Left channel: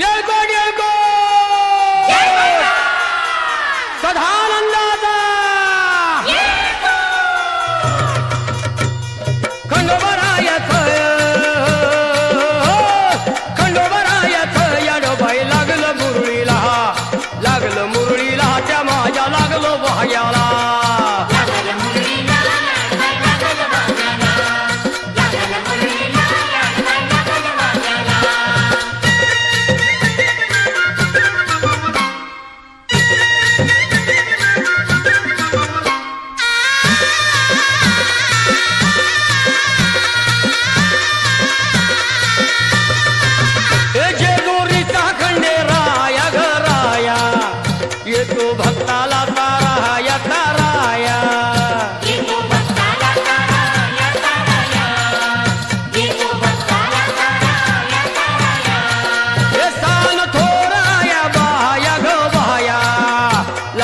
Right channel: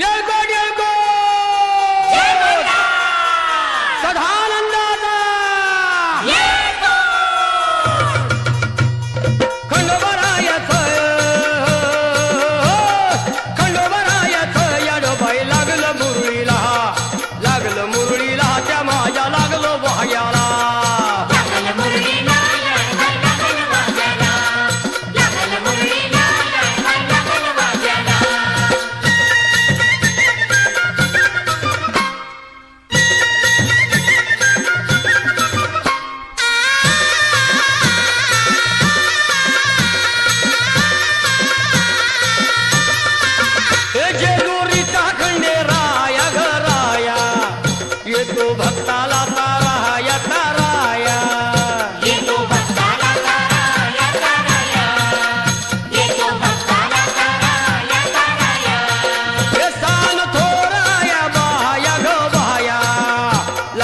येळकोट येळकोट! सदानंदाचा! खंडोबरायच खंडोबरायच याडोबाई लागलं मुरळीला. लागलं मुरळीला त्या माझ्या लागलं भाग्याला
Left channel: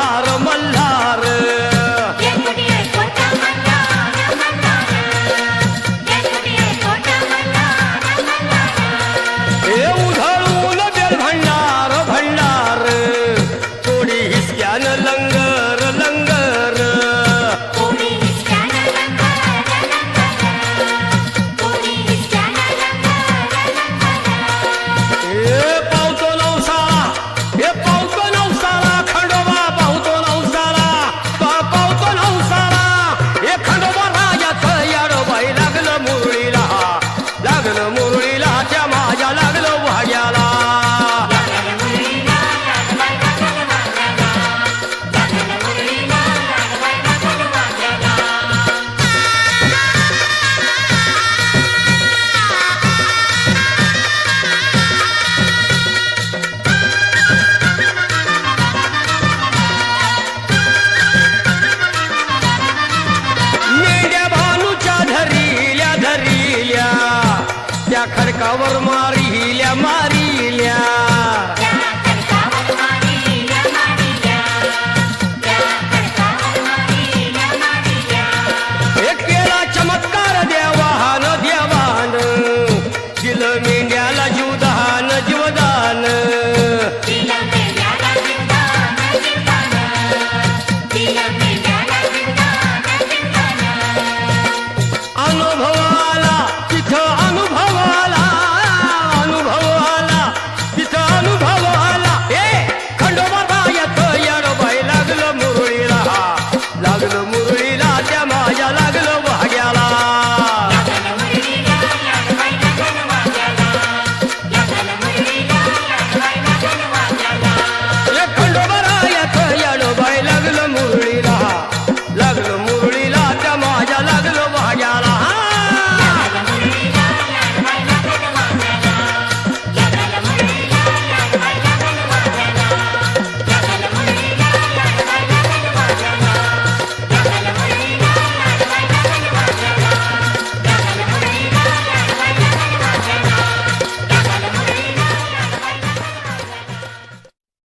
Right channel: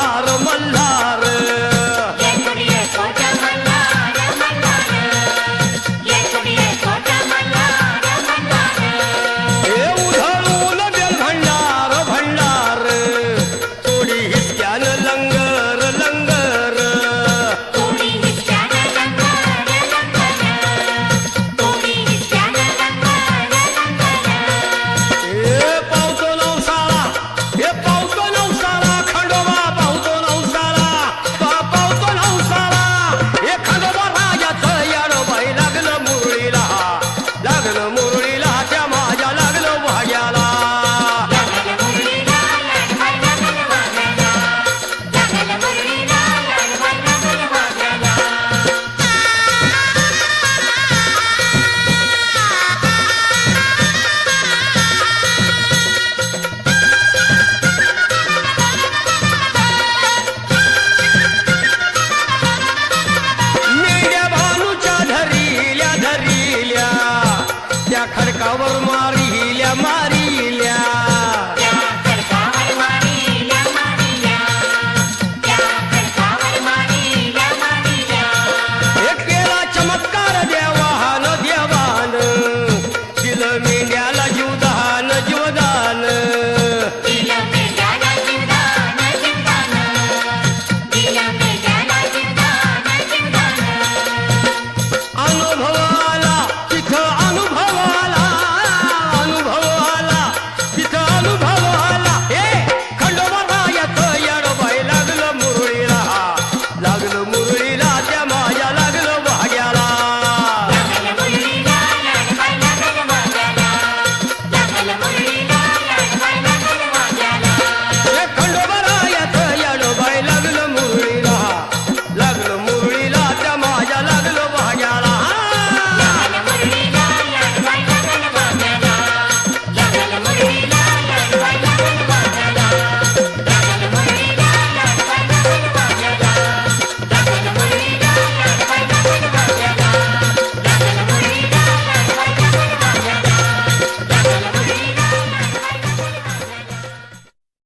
Malhar. ખડકાવર મારી હિલ્યા મારી હિલ્યા